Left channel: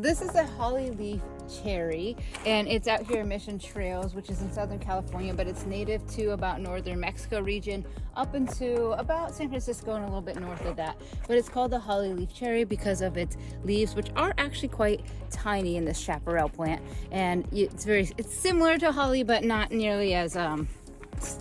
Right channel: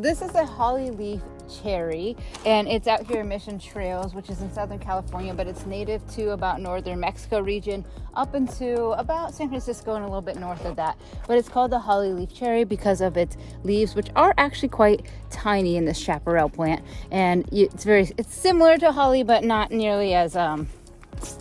This is a Hollyleaf cherry, and it's out here in Mission Trails, which is in Southern California, but it's native to about northern Mexico region up into about San Francisco and a little bit north of that. But it's called the Hollyleaf cherry because of its leaves, which are actually quite tiny in this chaparral plant. And it's similar to holly, but not nearly as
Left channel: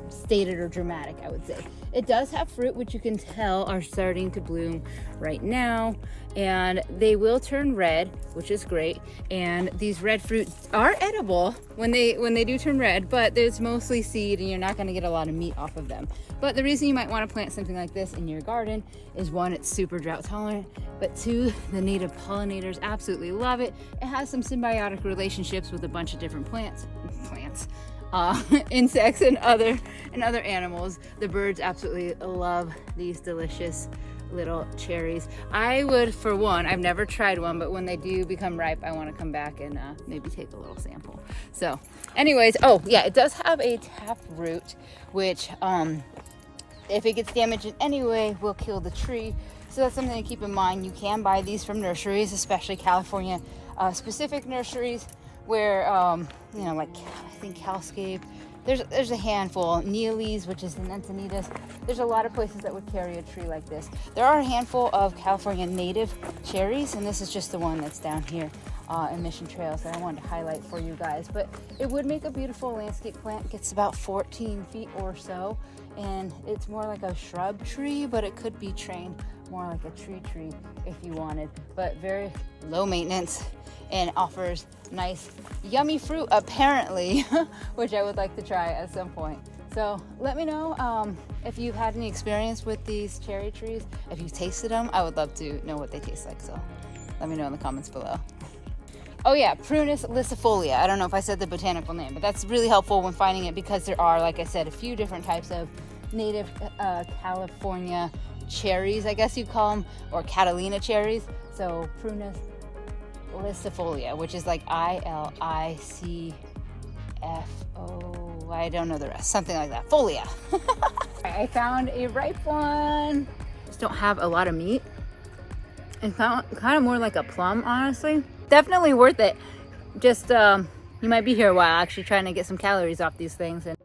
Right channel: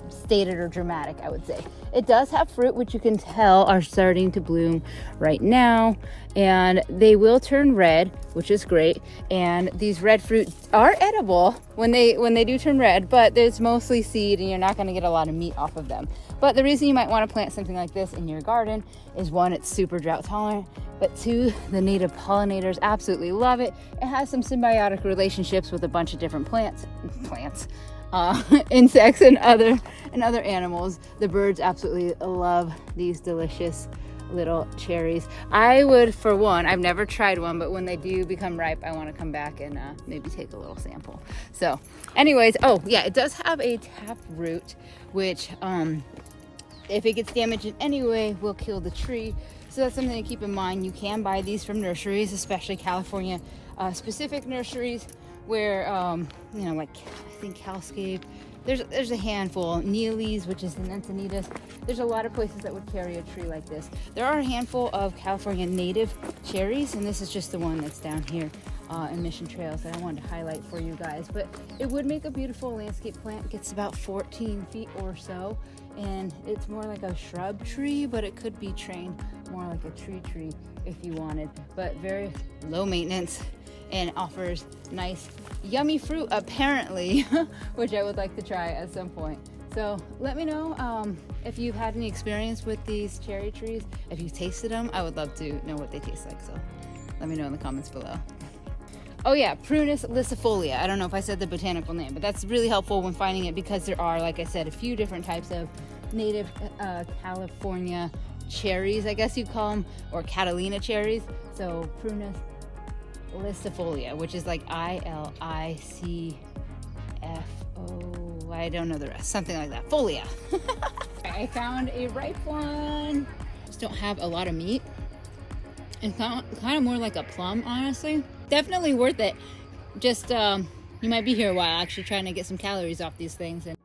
stated or dramatic, I would say. It does have fruit, which you can tell are starting to bloom right now, and they will turn red, which is great. And these red fruits are edible when they do turn red, but there's mostly seed and you're not going to get a lot of meat off of them. But the reason you might want to plant something like this in your garden is, one, it's super drought tolerant, but two, the native pollinators absolutely love it. It has some symbiotic relationships with a bunch of different insects and other animals. The birds absolutely love these delicious little cherries. I would, for one, I've never tried one, but when they do become ripe, I want to come back and maybe take a little sample. So anyways, oh yeah, it does have a taproot, which if it gets damaged in any way will kill the tree. So that's something to keep in mind. You can buy these from nurseries, especially California specific nurseries, where you know, like I think Hellscape, there's a handful. Neely's, which is in Encinitas, there's a lot of places that would carry a tree like this. There are a handful of California native cherries, and this is just the one that's down here in Mission Trails that I wanted to highlight for you guys. But it would make a beautiful landscape plant. It gets about 14 feet or so, and it's more like a shrub tree, but it could be trained more like a tree if you wanted, but very low maintenance and offers nice yummy fruit apparently, which I would like to try at some point. So let me know if you've had any experience with these cherry trees. If you've tasted them, I would love to know what they taste like, so let me know in the comments below. Oh yeah, Prunus licifolia. I don't know if I said the botanical name, but that's really helpful when finding it, because there are, like I said, a few different types of native California cherries, I guess you call them, or Catalina cherries. So Prunus licifolia, which is like ILICFO, I don't know the rest, something like that, folia. I found a ripe one. Just don't have a lot of meat. It's kind of more like a plum, honestly. Definitely worth it. Just you might be here a while actually trying to get some calories off these things. And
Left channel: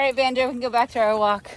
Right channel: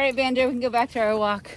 all right, Banjo, we can go back to our walk.